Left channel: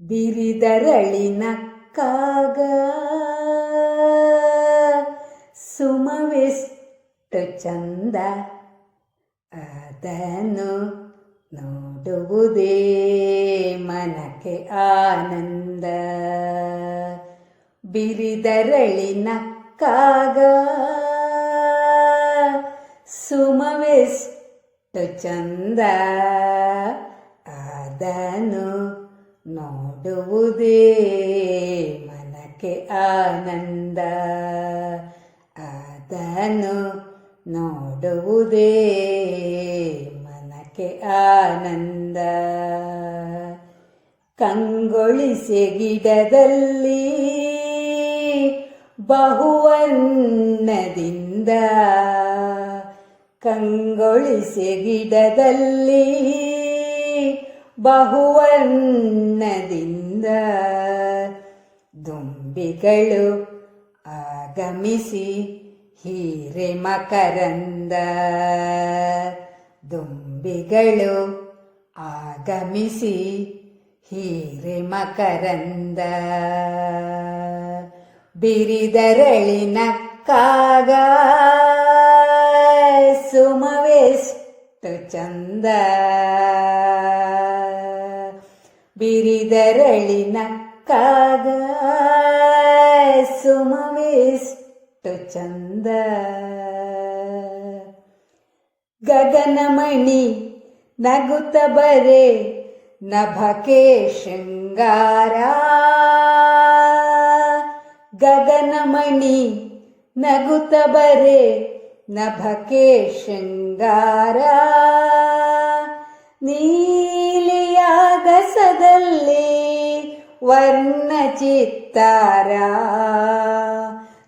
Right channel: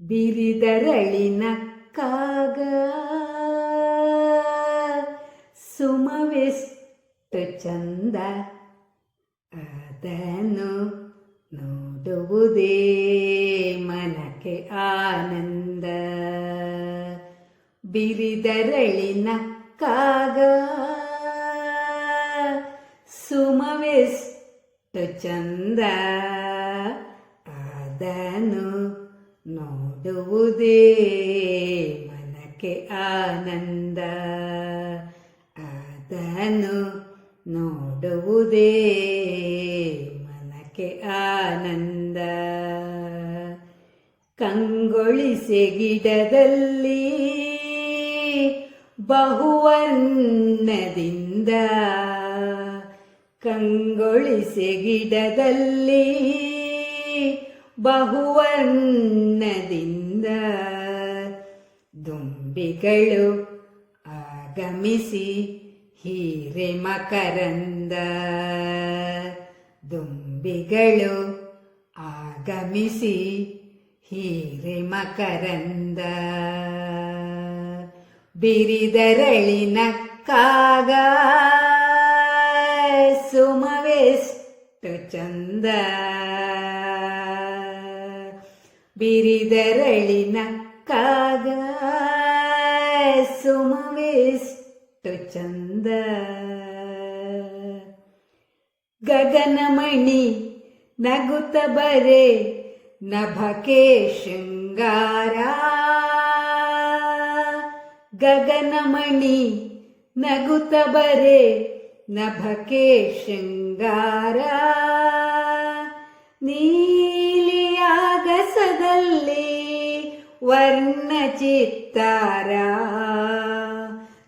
ಬಿರಿದರಳಿನ ಕಾಗ ಸುಮವೆಷ್ಟು ಚಂದ. ಅದನ್ನು ನೋಡುವುದೇ ಮನಕ್ಕೆ ಆನಂದ. ಬಿರಿದರಳಿನ ಕಾಗ ಸುಮವೆಷ್ಟು ಚಂದ. ಅದನ್ನು ನೋಡುವುದೇ ಮನಕ್ಕೆ ಆನಂದ. ಅದನ್ನು ನೋಡುವುದೇ ಮನಕ್ಕೆ ಆನಂದ. ಕಂಗೊಳಿಸಿ ಗಿಡದಲ್ಲಿ ಬಹುವನ್ನದಿಂದ. ಕಂಗೊಳಿಸಿ ಗಿಡದಲ್ಲಿ ಬಹುವನ್ನದಿಂದ ದುಂಬಿಗಳು ಆಗಮಿಸಿ ಹೀರೆ ಮಕರಂದ ದುಂಬಿಗಳು ಆಗಮಿಸಿ ಹೀರೆ ಮಕರಂದ ಬಿರಿದರಳಿನ ಕಾಗ ಸುಮವೆಷ್ಟು ಚಂದ ಬಿರಿದರಳಿನ ಕಾಗ ಸುಮವೆಷ್ಟು ಚಂದ. ಗಗನಮಣಿ ನಗುತ ಬರೆ ನಭಕೆ ಶೃಂಗಾರ. ಗಗನಮಣಿ ನಗುತ ಬರೆ ನಭಕೆ ಶೃಂಗಾರ. ನೀಲಿಯಾಗಸದಲ್ಲಿ ವರ್ಣ ಚಿತ್ತಾರ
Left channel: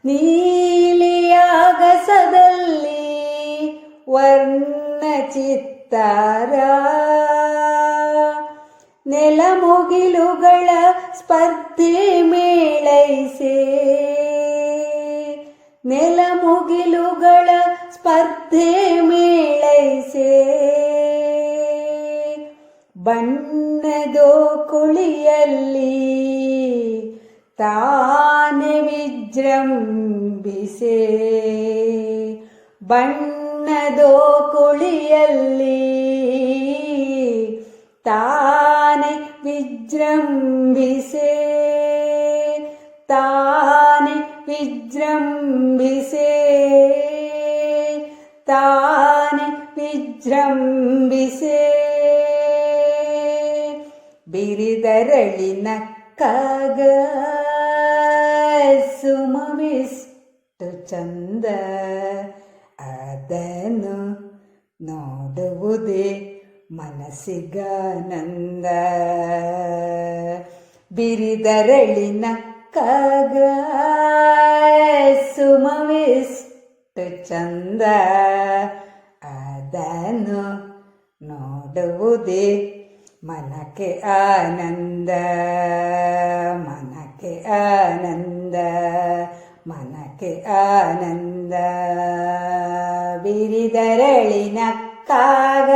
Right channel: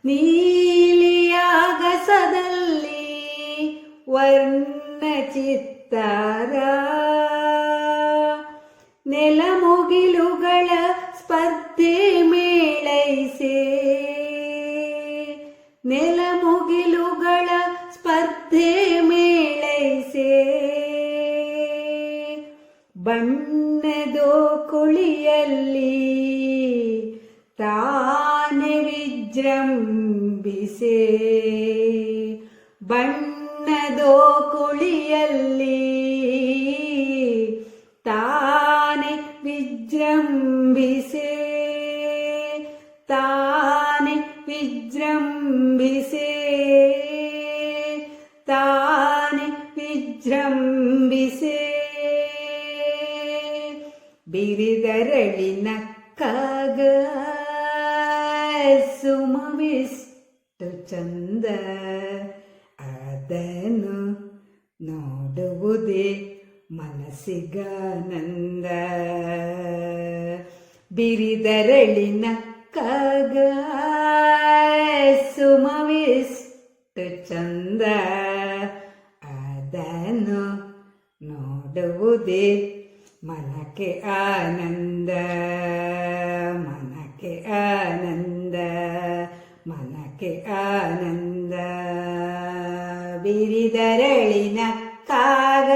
ನೀಲಿಯಾಗಸದಲ್ಲಿ ವರ್ಣ ಚಿತ್ತಾರ ನೆಲಮುಗಿಲುಗಳ ಸ್ಪರ್ಧೆ ಮೇಳೈಸೆ? ನೆಲಮುಗಿಲುಗಳ ಬಣ್ಣದೋ ಕುಳಿಯಲ್ಲಿ ತಾನೆ ವಿಜೃಂಭಿಸೆ. ಬಣ್ಣದೋ ಕುಳಿಯಲ್ಲಿ ತಾನೆ ವಿಜೃಂಭಿಸೆ. ತಾನೆ ವಿಜೃಂಭಿಸೆ. ತಾನೆ ವಿಜೃಂಭಿಸೆ. ಬಿರಿದರಳಿನ ಕಾಗ ಸುಮವಿಷ್ಟು ಚಂದ ಅದನ್ನು ನೋಡುವುದೇ ಮನಸ್ಸಿಗಾನಂದ. ಬಿರಿದರಳಿನ ಕಾಗ ಸುಮವಿಷ್ಟು ಚಂದ ಅದನ್ನು ನೋಡುವುದೇ ಮನಕ್ಕೆ ಆನಂದ ಮನಕೆ ಆನಂದ ಮನಕೆ ಆನಂದ. ಬಿರಿದರಳಿನ ಕಾಗ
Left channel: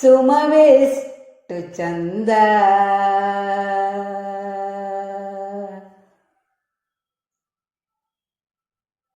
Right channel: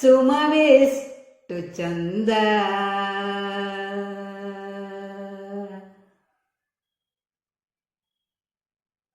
ಸುಮವೆಷ್ಟು ಚಂದ.